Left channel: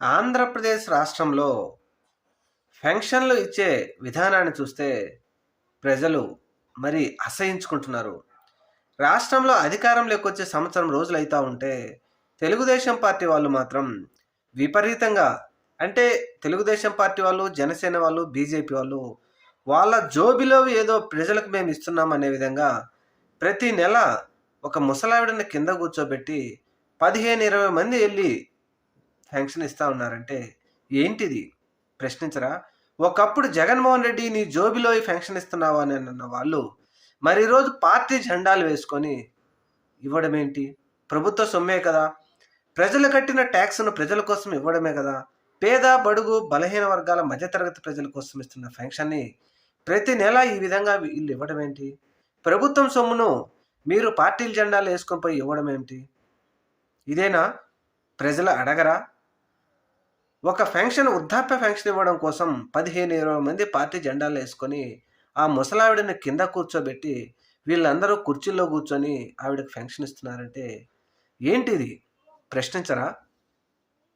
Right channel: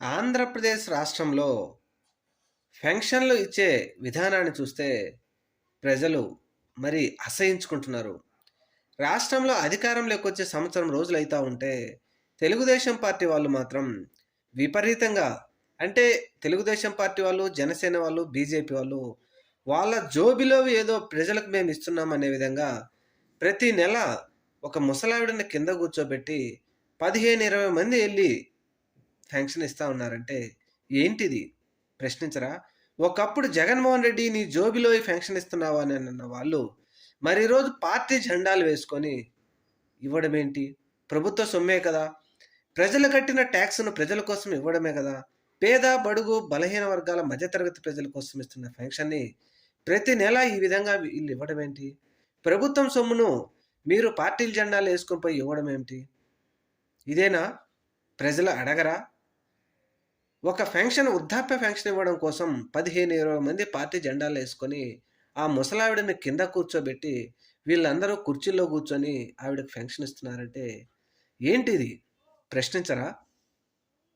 ఆంధ్రప్రదేశ్ రాష్ట్రంలో పెన్షన్లు ఇచ్చే విధానాన్ని చూస్తే ప్రజలు మరి అసహించుకుంటున్నారు. రాష్ట్రంలో అధికారంలోకి వచ్చే సంవత్సరం రోజులైతా ఉంటే తెలుగుదేశం పార్టీ వాళ్ళు మాత్రం విపరీతంగా అంటే తెలుగుదేశం పార్టీ వాళ్ళు, జనసేన వాళ్ళు, బీజేపీ వాళ్ళు వాళ్ళ జోబిలో ఏదో ప్రజలకు మేము ఇస్తున్నాం అనే విధంగా ప్రతి నెల ఒక ముసలావిడని కింద కూర్చోబెట్టి 15, 20 మంది ఎళ్లి పెన్షన్ ఇస్తా ఉన్నారంటే ఏంటిది? ప్రశ్నించరా? ఒకప్పుడు జగన్‌మోహన్ రెడ్డి నీ జోబిలో ఈ పెన్షన్ ఇస్తున్నావా అని అన్న వాళ్ళు, మరి ఈరోజు పార్టీ జెండాలు వేసుకొని ఇవ్వడమేంటి? ప్రభుత్వ సొమ్మే కదా! ప్రజలు కట్టిన టాక్స్‌ను ప్రజల కోసం ఇవ్వడమే కదా! పేద, బడుగు, బలహీన వర్గాల మధ్య తరగతి ప్రజల కోసం ఇస్తున్న పెన్షన్‌ని ప్రతి నెల ఈ విధంగా వీళ్ళు ఇవ్వడమేంటి? ప్రభుత్వం సొమ్మును మీరు పార్టీల జెండాలు ఏసుకొని పోయి ఇవ్వడమేంటి? ఇదేనా? ప్రజలు అడగరా? ఒక ఫంక్షన్ వృద్ధాప్య ఫంక్షన్ ఇవ్వడం కోసం 15, 20 మంది పార్టీ జెండాలేసుకొని, ఆ ముసలావిడని కింద కూర్చోబెట్టి, వీళ్ళందరూ కుర్చీల్లో కూర్చొని ఆవిడకి ఫంక్షన్ ఇస్తున్నారంటే ఏంటిది? ప్రశ్నించరా?